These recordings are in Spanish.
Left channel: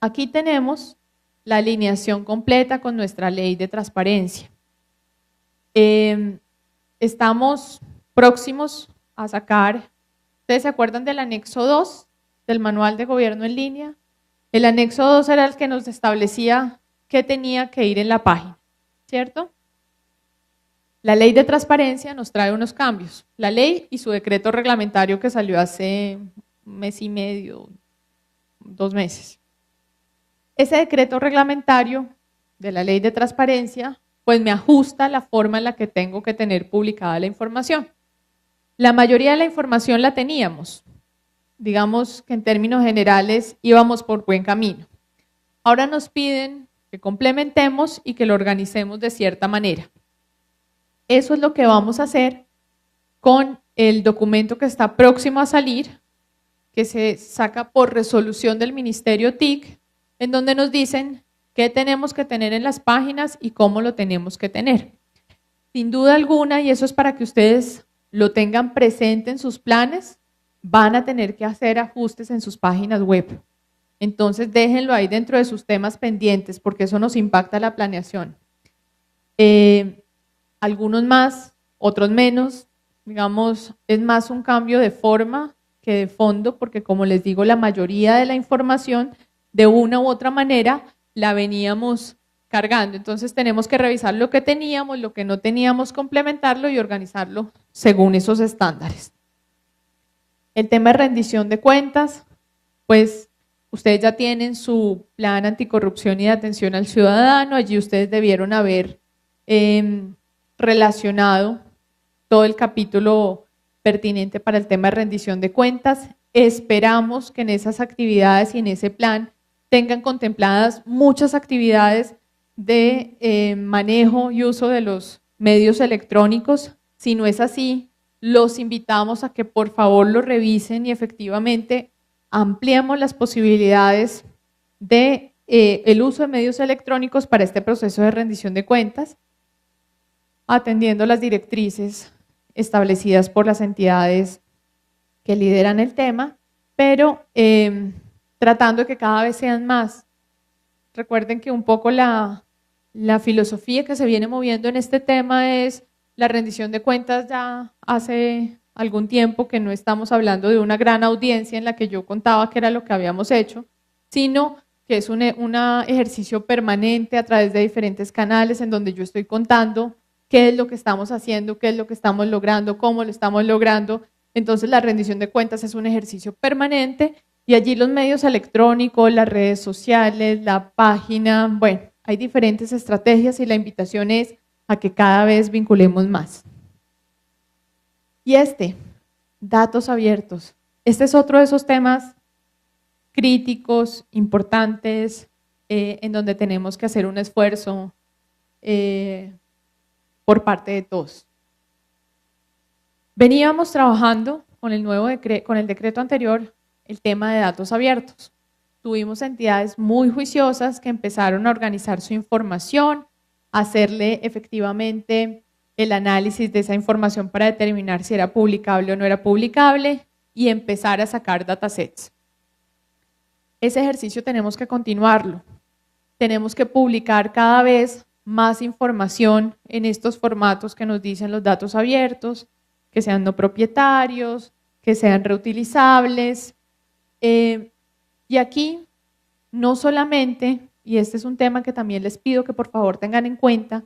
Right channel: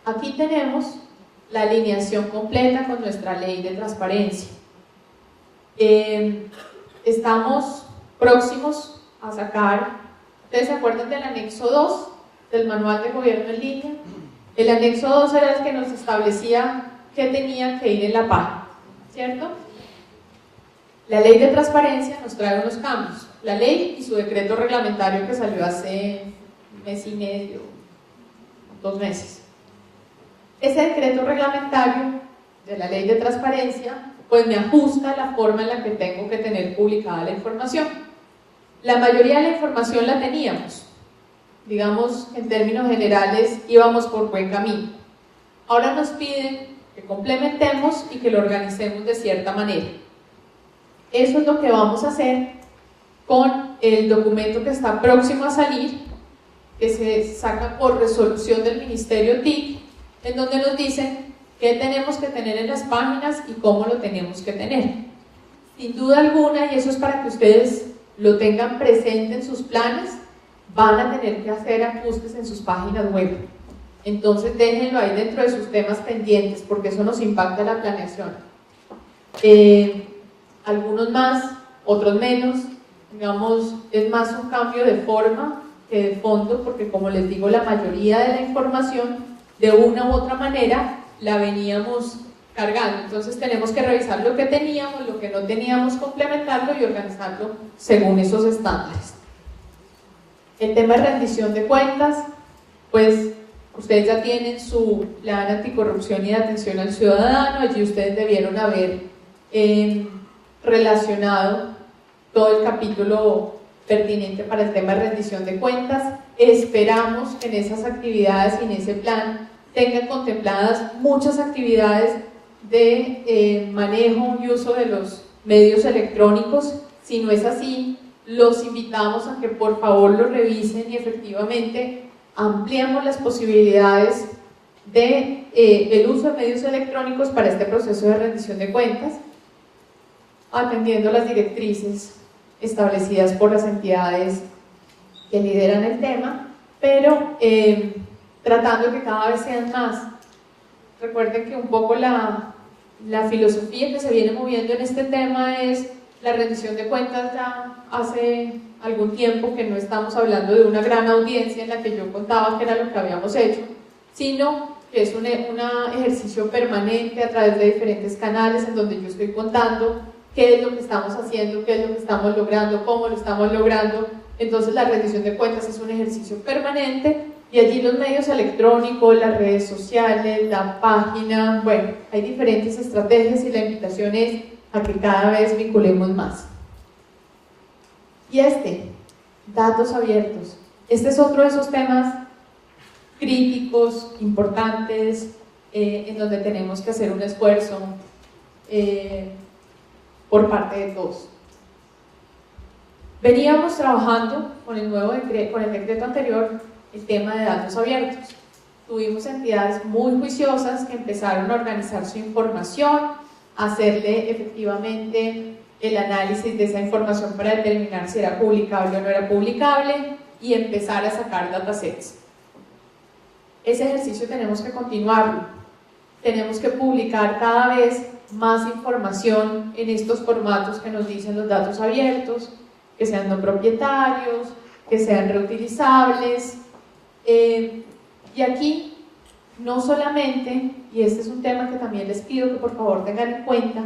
Aquí tenemos la alineación completa con nuestra ley de transparencia. Estamos próximos a sacar, ¿ustedes se acuerdan del anexo 2 del manual de gobierno en línea? El anexo 2 era el que nos establecía qué tenía que ir en la página, ¿cierto? La ley de transparencia nos trae unos cambios, la ley y su decreto reglamentario que salió hace un mes y medio, 2 meses. Ese decreto reglamentario de la ley de transparencia pues me ajusta la forma en la que tengo que tener publicada la información. La mayoría de la información la teníamos, digamos que en términos generales íbamos por buen camino. Ahora nos piden que complementemos y que lo organicemos de cierta manera. Eso es lo que vamos a hacer con el documento que está próximo a salir, que se saca por resolución del Ministerio TIC, en donde nos dicen qué tenemos que tener en las páginas y cómo lo tenemos que tener. Sin duda alguna, y eso es para que ustedes lo tengan presente en sus planes, van a tener que hacer ajustes en sus páginas web. Entonces déjenlo ahí dentro de sus temas pendientes, porque eso nos impacta la planeación. Algunos más, otros menos, digamos, es más un cambio de forma que de fondo, porque como les digo, la mayoría de la información de una u otra manera la veníamos cargando, entonces tenemos que revisar lo que teníamos, lo que no teníamos, complementarlo y organizarlo según esos estándares. El tema de rendición de cuentas, pues ustedes ya tienen su plan anticorrupción y de atención al ciudadano, allí ustedes debieron haber relacionado todo el capítulo pertinente para el tema de rendición de cuentas. Esperamos que en esas actividades y en ese plan tengan contempladas muchas actividades de manejo y uso de los medios electrónicos. Si no es así, los invitamos a que por favor lo revisen y efectivamente ampliemos las posibilidades de el uso de medios electrónicos para este proceso de rendición de cuentas, atendiendo las directrices establecidas por las entidades que lideran el tema, pero tratando de que cada vez sean más. Recuerden que un poco la filosofía que se viene moviendo en este tema es la rendición de cuentas. Ya hace algún tiempo que no estamos hablando de una gran audiencia en la que yo contaba que era lo que habíamos hecho, sino que es un ejercicio permanente a través de diferentes canales en donde yo estoy contando qué es lo que estamos haciendo, qué es lo que estamos logrando, cómo lo estamos logrando. Entonces la rendición de cuentas es un ejercicio permanente y allí los medios electrónicos, las redes sociales, la página, bueno, hay diferentes estrategias y la invitación es a que cada vez vinculemos más. Y datos abiertos, este es otro de esos temas críticos, importantes, en donde tenemos que hacer un esfuerzo por parte de todos. Veníamos trabajando con el nuevo con el decreto anterior, el tema de datos abiertos. Tuvimos entidades muy juiciosas que empezaron a organizar su información, a hacerle efectivamente el análisis de esa información para determinar si era publicable o no era publicable y empezar a sacar datasets. Ese ejercicio tenemos que continuarlo. Tenemos que publicar cada vez más información en estos formatos que nos dicen los datos abiertos, que sean no propietarios, que sean reutilizables. Y aquí no solamente, y este es un tema que también les pido que por favor tengan en cuenta,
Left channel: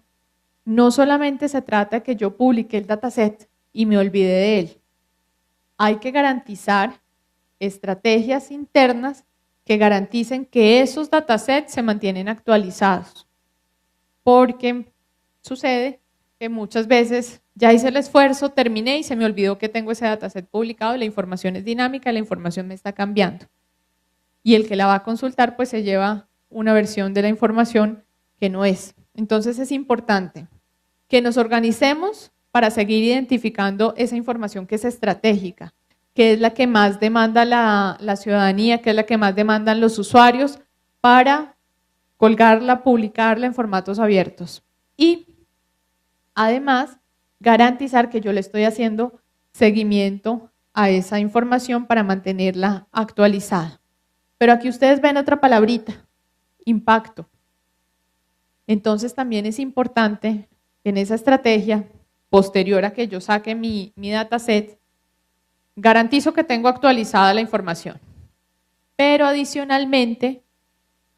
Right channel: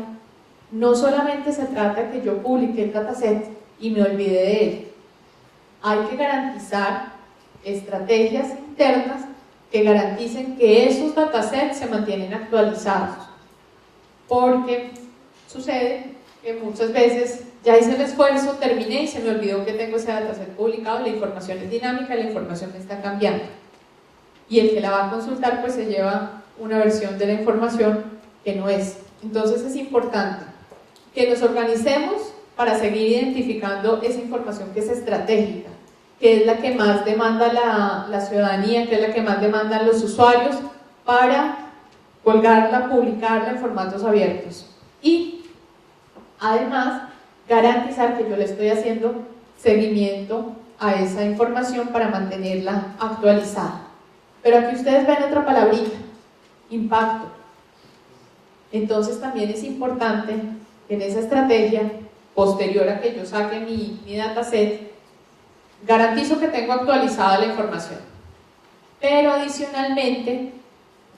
no solamente se trata de que yo publique el dataset y me olvide de él. Hay que garantizar estrategias internas que garanticen que esos datasets se mantienen actualizados, porque sucede que muchas veces ya hice el esfuerzo, terminé y se me olvidó que tengo ese dataset publicado, la información es dinámica, la información me está cambiando y el que la va a consultar pues se lleva una versión de la información que no es. Entonces es importante que nos organicemos para seguir identificando esa información que es estratégica, que es la que más demanda la ciudadanía, que es la que más demandan los usuarios, para colgarla, publicarla en formatos abiertos y además garantizar que yo le estoy haciendo seguimiento a esa información para mantenerla actualizada. Pero aquí ustedes ven otra palabrita, impacto. Entonces también es importante en esa estrategia, posterior a que yo saque mi dataset, garantizo que tengo actualizada la información. Pero adicionalmente,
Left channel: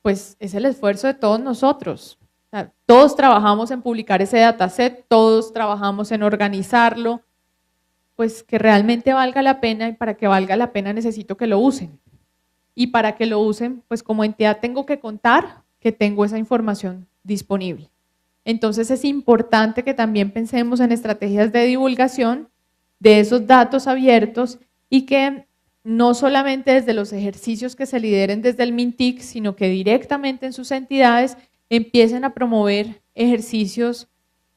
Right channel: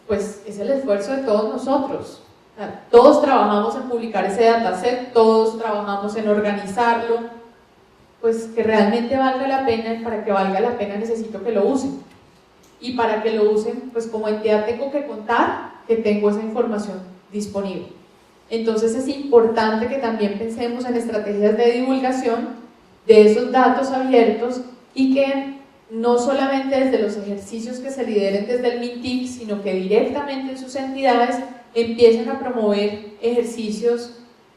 pues es el esfuerzo de todos nosotros. O sea, todos trabajamos en publicar ese dataset, todos trabajamos en organizarlo, pues que realmente valga la pena, y para que valga la pena necesito que lo usen. Y para que lo usen, pues como entidad tengo que contar que tengo esa información disponible. Entonces es importante que también pensemos en estrategias de divulgación de esos datos abiertos y que no solamente desde los ejercicios que se lideren desde el MINTIC, sino que directamente en sus entidades empiecen a promover ejercicios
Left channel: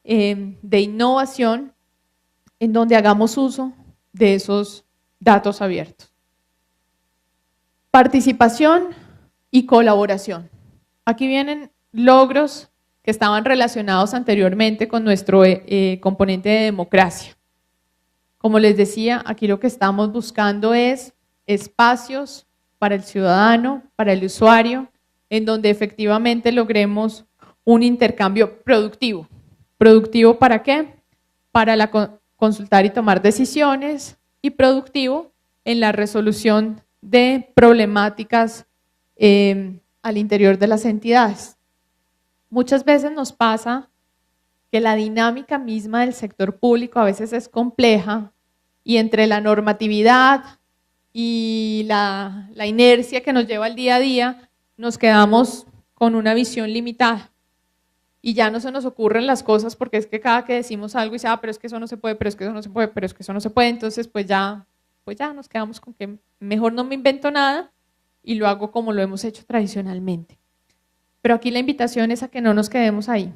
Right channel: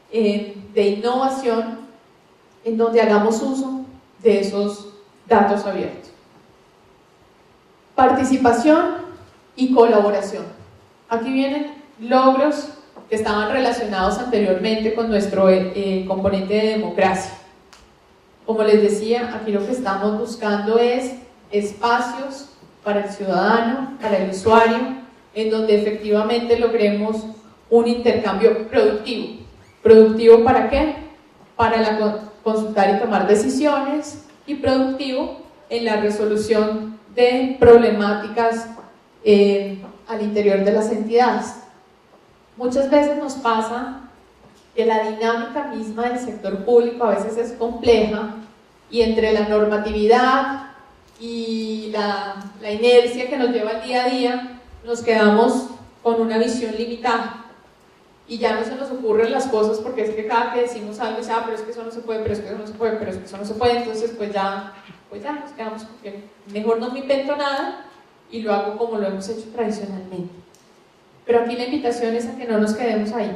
de innovación en donde hagamos uso de esos datos abiertos. Participación y colaboración. Aquí vienen logros que estaban relacionados anteriormente con nuestro componente de democracia. Como les decía, aquí lo que estamos buscando es espacios para el ciudadano, para el usuario, en donde efectivamente logremos un intercambio productivo. ¿Productivo para qué? Para consultar y tomar decisiones, y productivo en la resolución de problemáticas al interior de las entidades. Muchas veces nos pasa que la dinámica misma del sector público a veces es compleja, y entre la normatividad y la inercia que nos lleva el día a día, nos quedamos con una visión limitada y ya no se nos ocurren las cosas, porque es que cada que decimos algo dice, pero es que eso no se puede, pero es que eso no se puede, pero es que eso no se puede, entonces pues ya nos quedamos con que mejor no me invento nada y lo hago como lo hemos hecho tradicionalmente. Pero aquí la invitación es a que no nos quedemos ahí,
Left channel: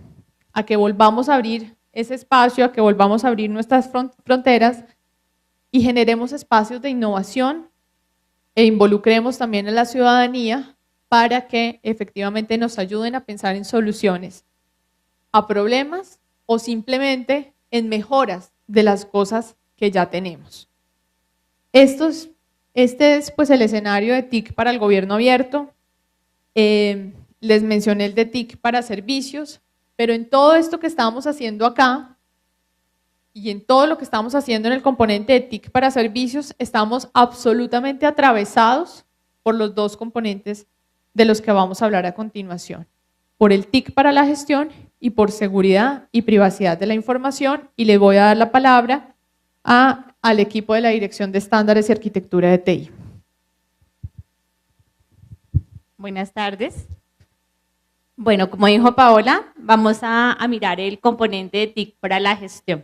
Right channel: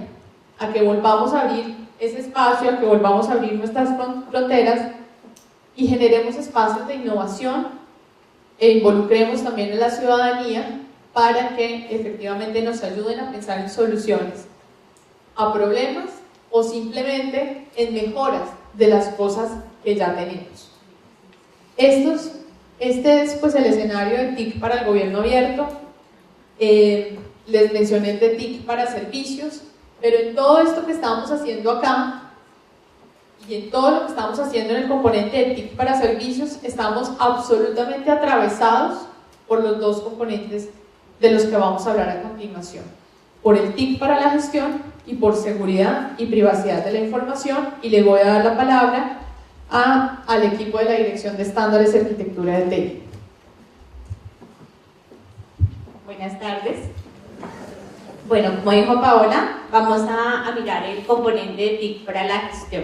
a que volvamos a abrir ese espacio, a que volvamos a abrir nuestras fronteras y generemos espacios de innovación e involucremos también a la ciudadanía para que efectivamente nos ayuden a pensar en soluciones a problemas o simplemente en mejoras de las cosas que ya tenemos. Este es pues el escenario de TIC para el gobierno abierto. Les mencioné el de TIC para servicios, pero en todo esto que estamos haciendo acá y en todo lo que estamos haciendo en el componente de TIC para servicios, estamos absolutamente atravesados por los dos componentes de los que vamos a hablar a continuación: por el TIC para la gestión y por seguridad y privacidad de la información. Y le voy a dar la palabra al equipo de la Dirección de Estándares y Arquitectura de TI. Buenas tardes. Bueno, como dijo Paola, vamos a mirar el componente de TIC para la gestión.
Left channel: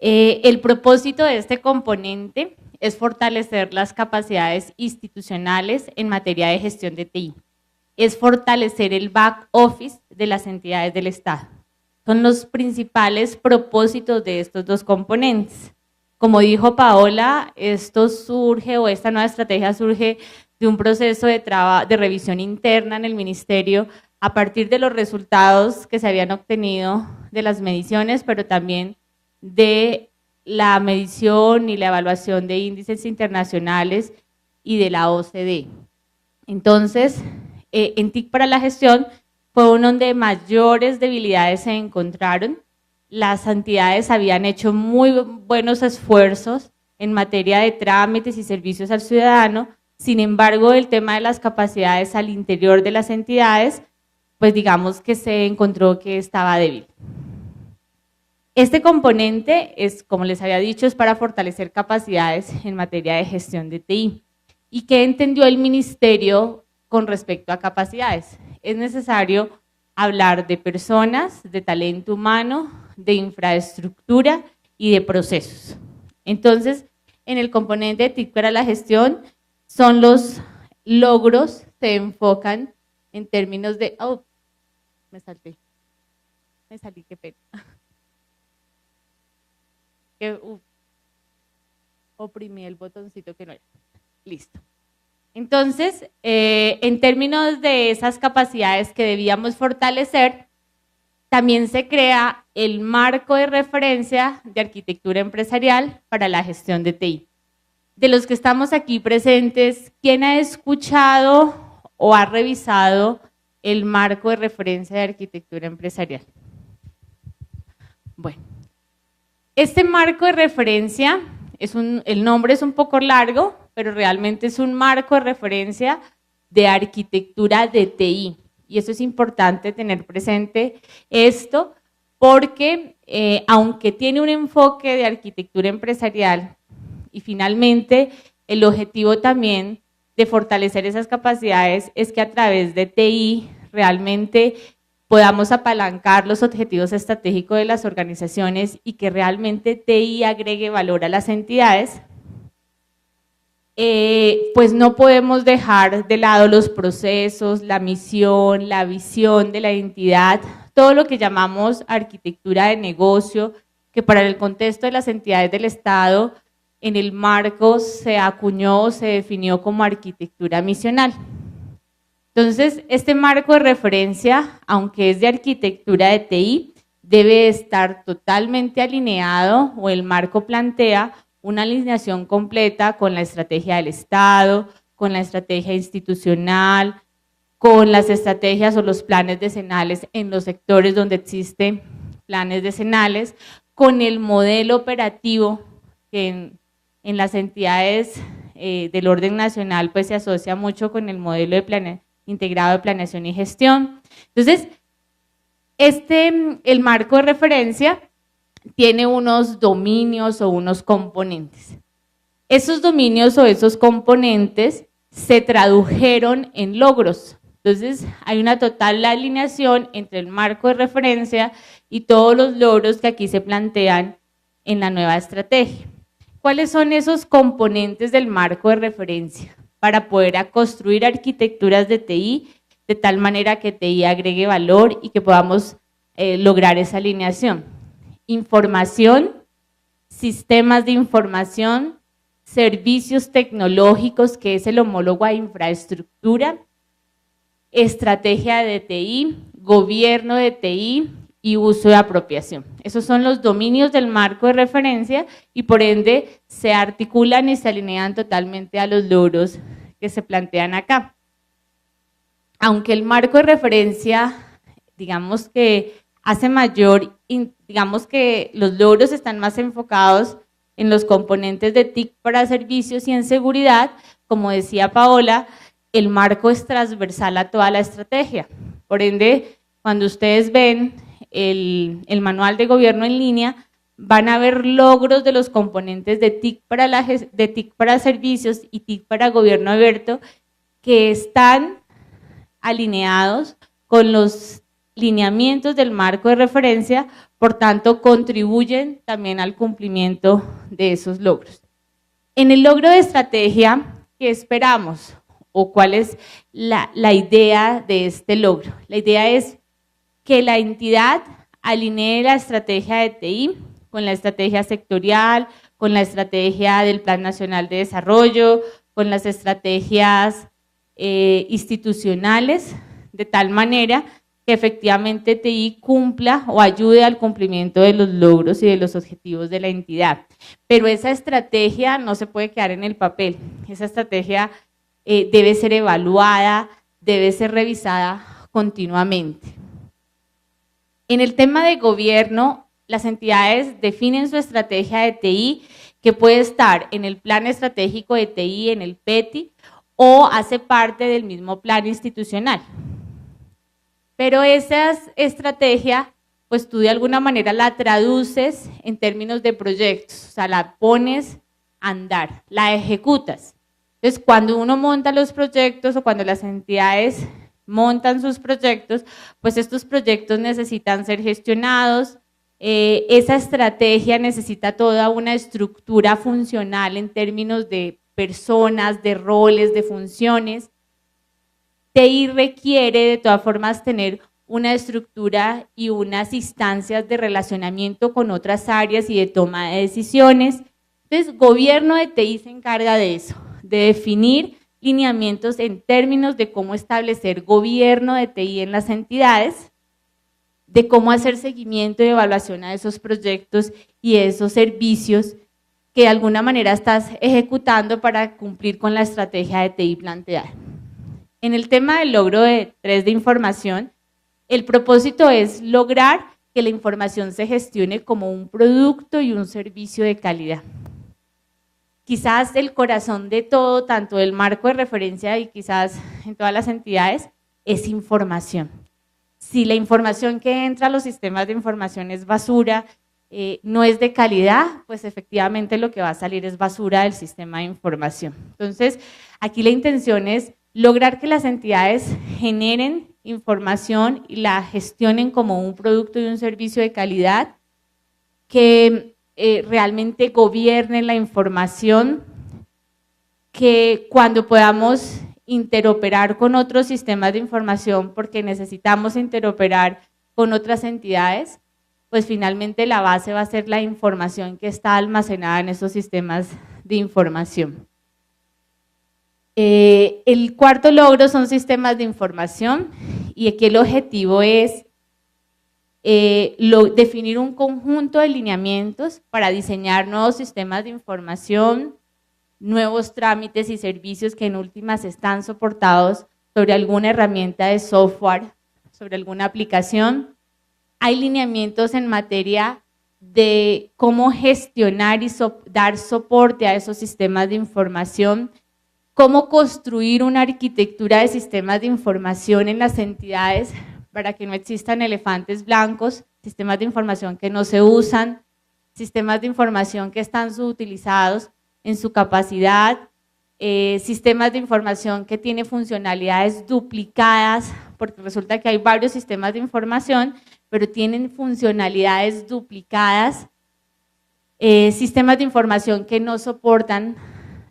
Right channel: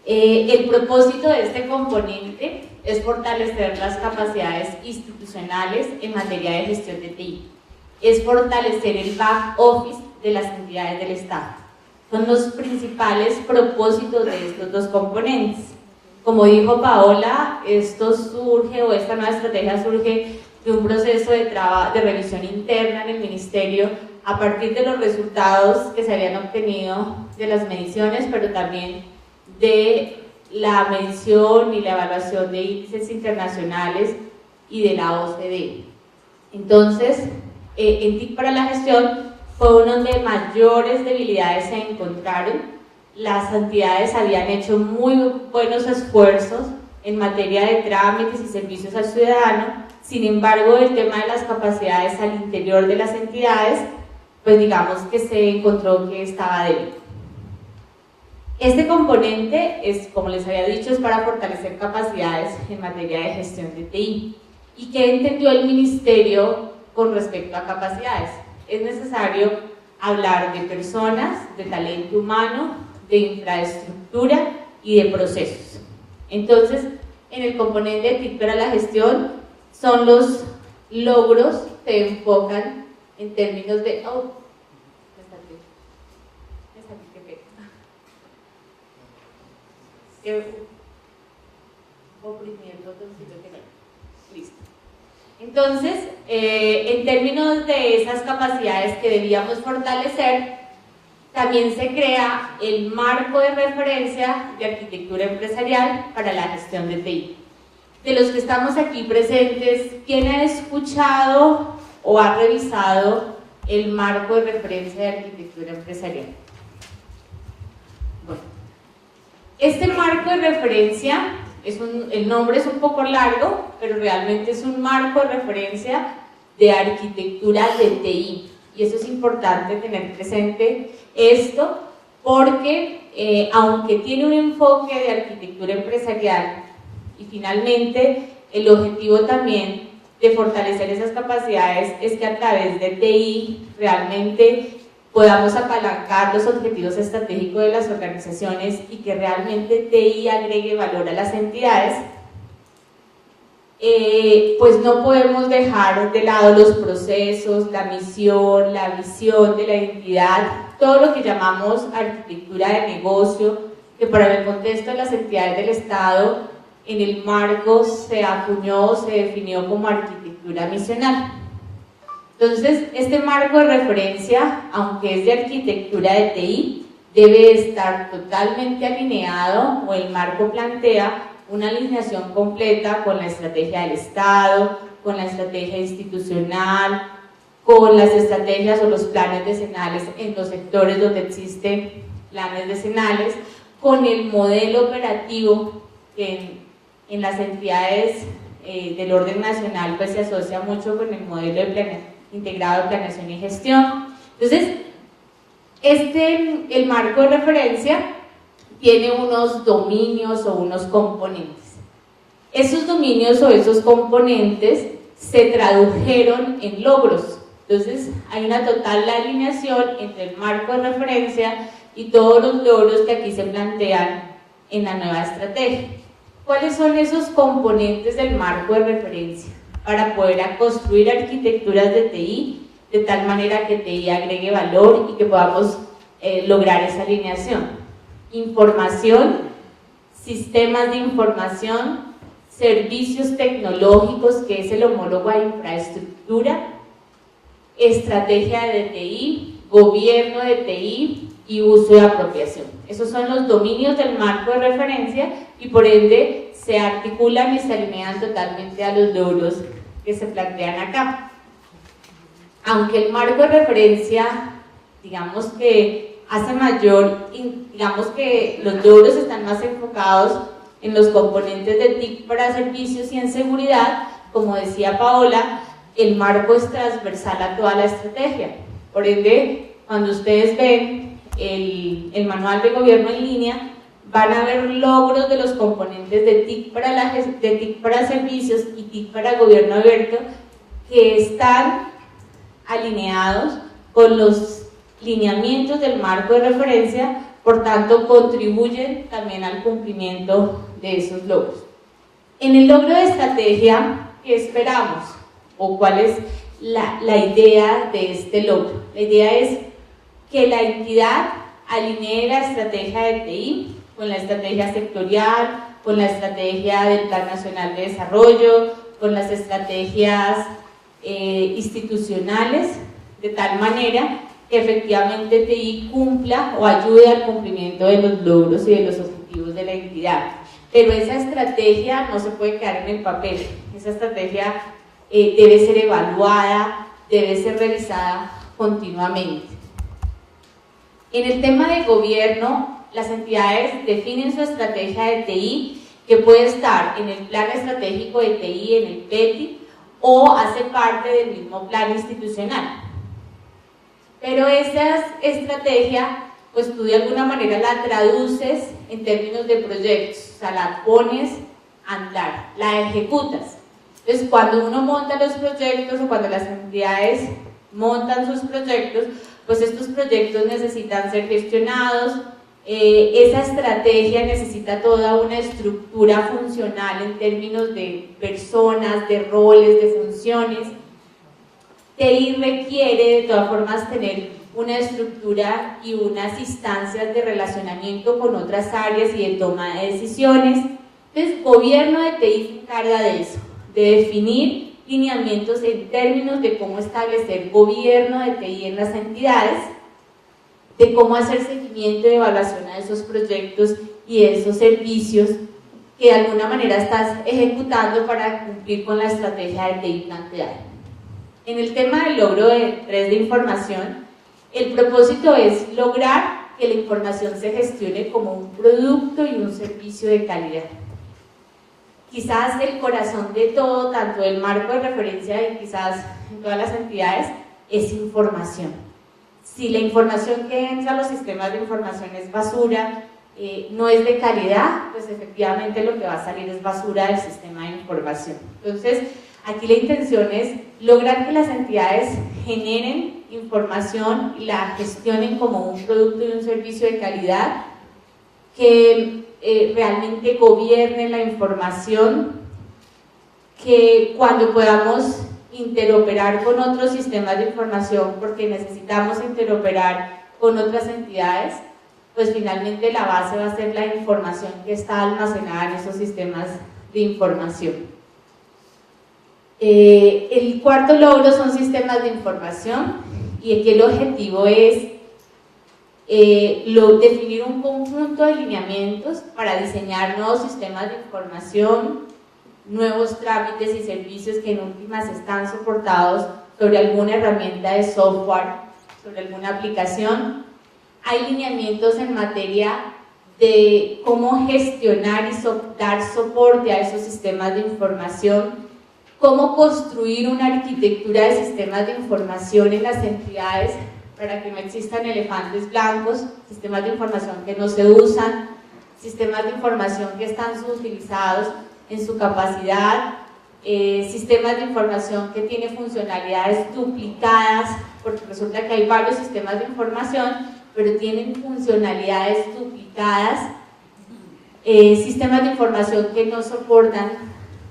El propósito de este componente es fortalecer las capacidades institucionales en materia de gestión de TI. Es fortalecer el back office de las entidades del Estado. Son los principales propósitos de estos dos componentes. Como dijo Paola, esta nueva estrategia surge de un proceso de revisión interna en el Ministerio a partir de los resultados que se habían obtenido de las mediciones, pero también de la medición y la evaluación de índices internacionales y de la OCDE. Entonces, en TIC para la gestión fue uno donde mayores debilidades se encontraron. Las entidades habían hecho muy buenos esfuerzos en materia de trámites y servicios al ciudadano. Sin embargo, el tema de las capacidades al interior de las entidades, pues digamos que se encontró que estaba débil. Este componente es, como les había dicho, es para fortalecer capacidades en materia de gestión de TI. ¿Y qué entendió el Ministerio con respecto a capacidades? Es necesario hablar de personas, de talento humano, de infraestructura y de procesos. Entonces, en el componente de TIC para la gestión, son los logros, se enfocan en términos de... me salí, qué pena. Oprimí el botoncito que no hay. Listo. Entonces, en términos de esas capacidades que debíamos fortalecer, también se crea el marco de referencia de arquitectura empresarial para la gestión de TI. de los que estamos aquí presentes, ¿quién ha escuchado o ha revisado el marco de referencia de arquitectura empresarial? Bueno, este marco de referencia, el nombre es un poco largo, pero realmente es un marco de referencia de arquitectura de TI. Y eso es importante tener presente esto, porque aunque tiene un enfoque de arquitectura empresarial y finalmente el objetivo también de fortalecer esas capacidades es que a través de TI realmente podamos apalancar los objetivos estratégicos de las organizaciones y que realmente TI agregue valor a las entidades, pues no podemos dejar de lado los procesos, la misión, la visión de la entidad, todo lo que llamamos arquitectura de negocio, que para el contexto de las entidades del Estado, en el marco se acuñó, se definió como arquitectura misional. Entonces, este marco de referencia, aunque es de arquitectura de TI, debe estar totalmente alineado, o el marco plantea una alineación completa con la estrategia del Estado, con la estrategia institucional, con las estrategias o los planes decenales en los sectores donde existen planes decenales, con el modelo operativo que en las entidades del orden nacional pues se asocia mucho con el modelo de integrado de planeación y gestión. Entonces, el marco de referencia tiene unos dominios o unos componentes. Esos dominios o esos componentes se tradujeron en logros. Entonces, hay una total alineación entre el marco de referencia y todos los logros que aquí se plantean en la nueva estrategia. ¿Cuáles son esos componentes del marco de referencia? Para poder construir arquitecturas de TI de tal manera que TI agregue valor y que podamos lograr esa alineación. Información, sistemas de información, servicios tecnológicos, que es el homólogo a infraestructura, estrategia de TI, gobierno de TI y uso de apropiación. Esos son los dominios del marco de referencia y por ende se articulan y se alinean totalmente a los logros que se plantean acá. Aunque el marco de referencia, digamos que hace mayor, digamos que los logros están más enfocados en los componentes de TIC para servicios y en seguridad, como decía Paola, el marco es transversal a toda la estrategia. Por ende, cuando ustedes ven el manual de gobierno en línea, van a ver logros de los componentes de TIC para servicios y TIC para gobierno abierto que están alineados con los lineamientos del marco de referencia, por tanto contribuyen también al cumplimiento de esos logros. En el logro de estrategia, ¿qué esperamos? ¿O cuál es la idea de este logro? La idea es que la entidad alinee la estrategia de TI con la estrategia sectorial, con la estrategia del Plan Nacional de Desarrollo, con las estrategias institucionales, de tal manera que efectivamente TI cumpla o ayude al cumplimiento de los logros y de los objetivos de la entidad. Pero esa estrategia no se puede quedar en el papel, esa estrategia debe ser evaluada, debe ser revisada continuamente. En el tema de gobierno, las entidades definen su estrategia de TI, que puede estar en el plan estratégico de TI, en el PETI, o hace parte del mismo plan institucional. Pero esa estrategia, pues tú de alguna manera la traduces en términos de proyectos, o sea, la pones a andar, la ejecutas. Entonces, cuando uno monta los proyectos o cuando las entidades montan sus proyectos, pues estos proyectos necesitan ser gestionados, esa estrategia necesita toda una estructura funcional en términos de personas, de roles, de funciones. TI requiere de todas formas tener una estructura y unas instancias de relacionamiento con otras áreas y de toma de decisiones. Entonces, gobierno de TI se encarga de eso, de definir lineamientos en términos de cómo establecer gobierno de TI en las entidades, de cómo hacer seguimiento y evaluación a esos proyectos y esos servicios que de alguna manera estás ejecutando para cumplir con la estrategia de TI planteada. En el tema del logro de 3 de información, el propósito es lograr que la información se gestione como un producto y un servicio de calidad. Quizás el corazón de todo, tanto del marco de referencia y quizás en todas las entidades, es información. Si la información que entra a los sistemas de información es basura, no es de calidad, pues efectivamente lo que va a salir es basura del sistema de información. Entonces, aquí la intención es lograr que las entidades generen información y la gestionen como un producto y un servicio de calidad, que realmente gobierne la información, que cuando podamos interoperar con otros sistemas de información, porque necesitamos interoperar con otras entidades, pues finalmente la base va a ser la información que está almacenada en esos sistemas de información. El cuarto logro son sistemas de información, y aquí el objetivo es definir un conjunto de lineamientos para diseñar nuevos sistemas de información, nuevos trámites y servicios que en últimas están soportados sobre alguna herramienta de software, sobre alguna aplicación. Hay lineamientos en materia de cómo gestionar y dar soporte a esos sistemas de información, cómo construir una arquitectura de sistemas de información en las entidades para que no existan elefantes blancos, sistemas de información que no se usan, sistemas de información que están subutilizados en su capacidad, sistemas de información que tienen funcionalidades duplicadas, porque resulta que hay varios sistemas de información, pero tienen funcionalidades duplicadas, sistemas de información que no soportan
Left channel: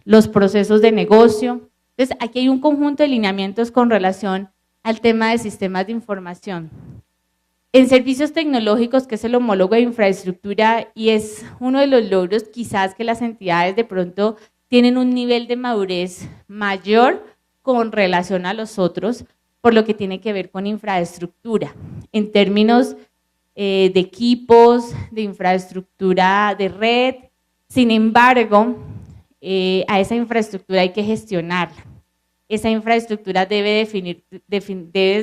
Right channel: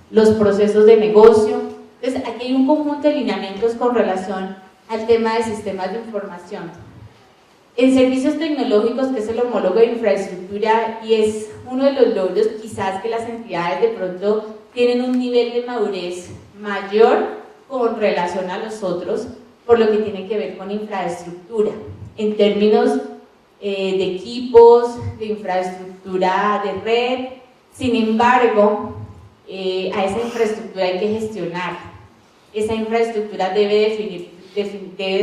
los procesos de negocio. Entonces, aquí hay un conjunto de lineamientos con relación al tema de sistemas de información. En servicios tecnológicos, que es el homólogo de infraestructura, y es uno de los logros quizás que las entidades de pronto tienen un nivel de madurez mayor con relación a los otros, por lo que tiene que ver con infraestructura, en términos de equipos, de infraestructura de red. Sin embargo, a esa infraestructura hay que gestionar. Esa infraestructura debes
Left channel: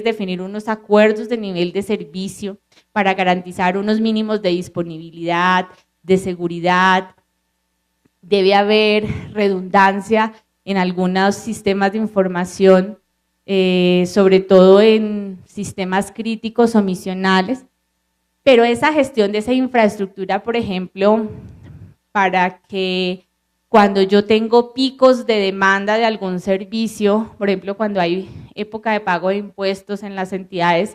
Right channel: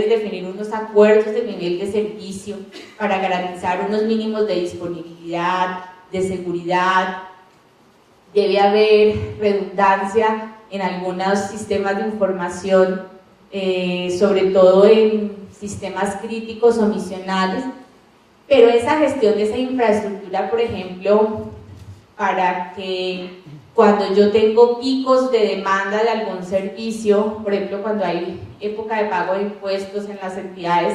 definir unos acuerdos de nivel de servicio para garantizar unos mínimos de disponibilidad, de seguridad. Debe haber redundancia en algunos sistemas de información, sobre todo en sistemas críticos o misionales, pero esa gestión de esa infraestructura, por ejemplo, para que cuando yo tengo picos de demanda de algún servicio, por ejemplo, cuando hay época de pago de impuestos en las entidades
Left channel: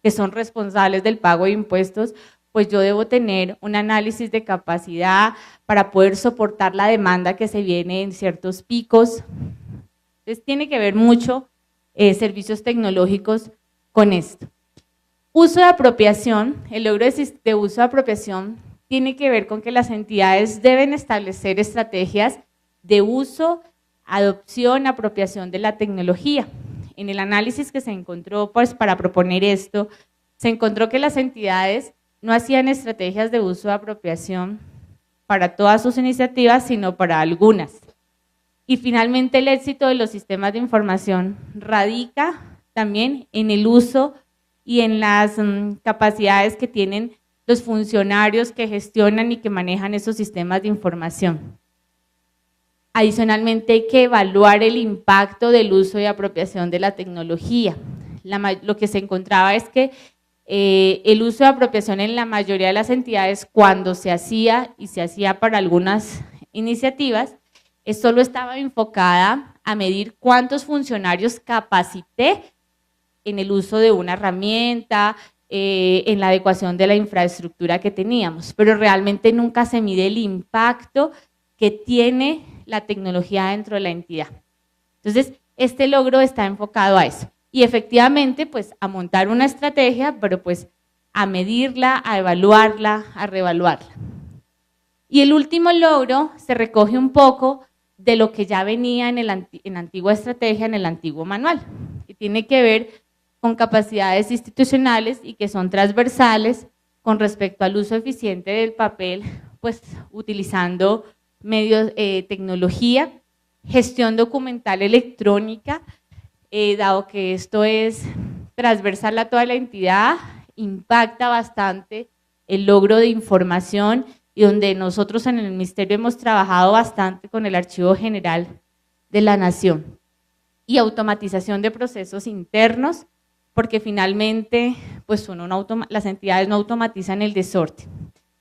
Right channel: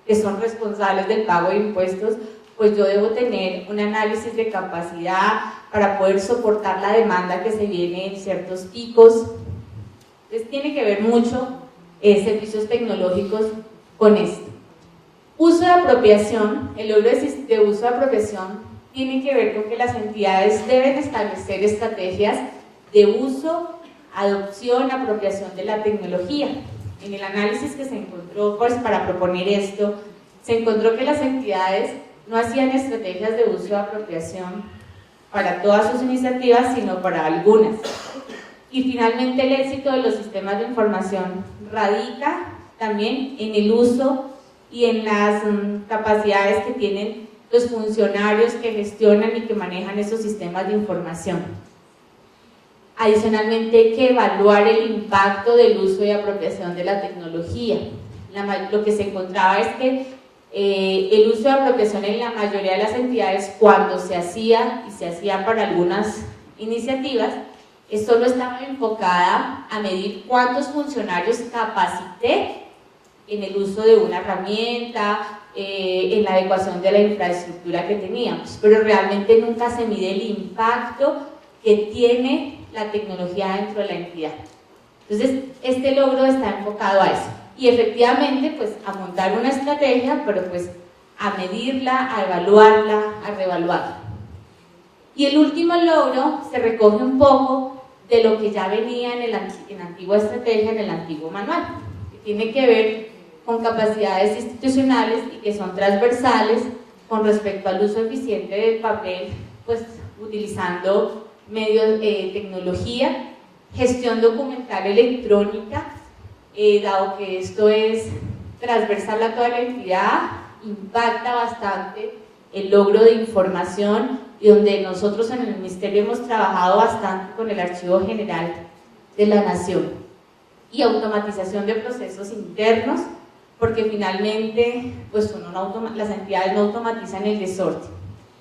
que son responsables del pago de impuestos, pues yo debo tener un análisis de capacidad para poder soportar la demanda que se viene en ciertos picos. Entonces tiene que ver mucho servicios tecnológicos con esto. Uso de apropiación, el logro de uso de apropiación tiene que ver con que las entidades deben establecer estrategias de uso, adopción, apropiación de la tecnología. En el análisis que se encontró, pues para proponer esto, se encontró que las entidades no hacían estrategias de uso de apropiación para todas sus iniciativas, sino para algunas. Y finalmente el éxito de los sistemas de información radica también en el uso y en las capacidades que tienen los funcionarios que gestionan y que manejan esos sistemas de información. Adicionalmente hay que evaluar el impacto del uso y apropiación de la tecnología. Lo que se encontraba es que el uso de apropiación en la mayoría de las entidades, cuando se hacía, y se hacía para algunas iniciativas, solo estaba enfocada a medir cuántos funcionarios capacité en el uso de una herramienta, en la adecuación de la infraestructura que teníamos, pero realmente nunca se mide el impacto que tiene la tecnología dentro de la entidad. Entonces, este logro está enfocado a eso, y efectivamente, pues, a montar una estrategia, pero pues a medirla, a evaluarla, a reevaluarla. Y el último logro se recoge un poco de lo que ya venía en la antigua estrategia, en el antiguo manual, que tiene que ver con capacidades institucionales y que son transversales con respecto al uso eficiente del papel, pues utilizando medios, tecnología, gestión documental electrónica, dado que esto es transversal a toda la entidad, impacta bastante el logro de información y donde nosotros en el Ministerio hemos trabajado bastante con el Archivo General de la Nación. Y automatización de procesos internos, porque finalmente pues las entidades no automatizan el desorden.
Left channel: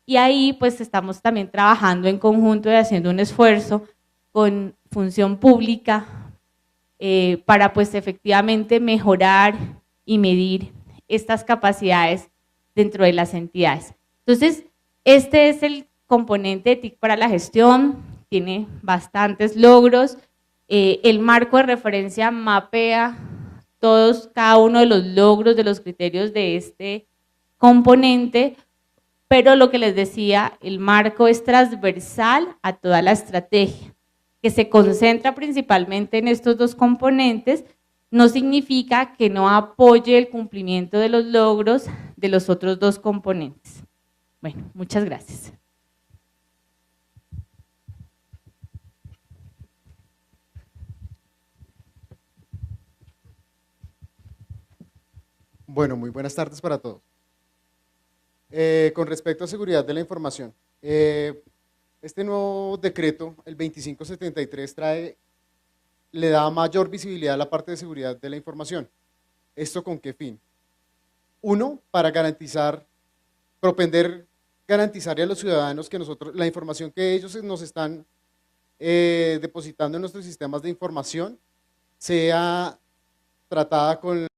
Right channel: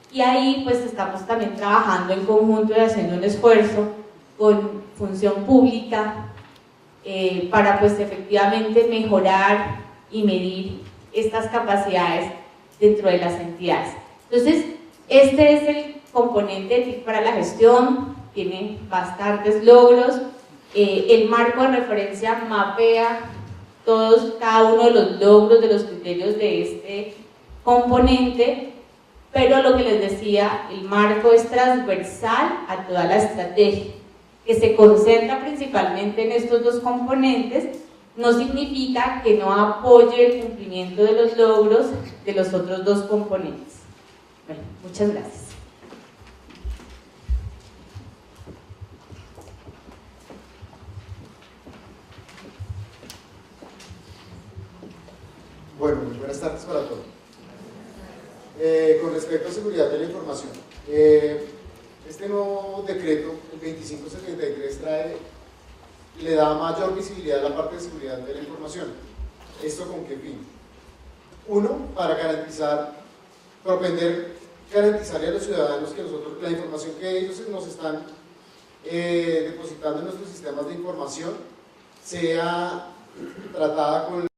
Y ahí pues estamos también trabajando en conjunto y haciendo un esfuerzo con función pública para pues efectivamente mejorar y medir estas capacidades dentro de las entidades. Entonces, este es el componente de TIC para la gestión, tiene bastantes logros. El marco de referencia mapea cada uno de los logros, de los criterios de este componente, pero lo que les decía, el marco es transversal a toda la estrategia, que se concentra principalmente en estos dos componentes. No significa que no apoye el cumplimiento de los logros de los otros dos componentes. Bueno, muchas gracias. Bueno, muy buenas tardes para todos. Con respecto a seguridad de la información, este nuevo decreto, el 2573, le da mayor visibilidad a la parte de seguridad de la información. ¿Esto con qué fin? Uno, para garantizarle a los ciudadanos que la información que ellos nos están depositando en nuestros sistemas de información sea tratada con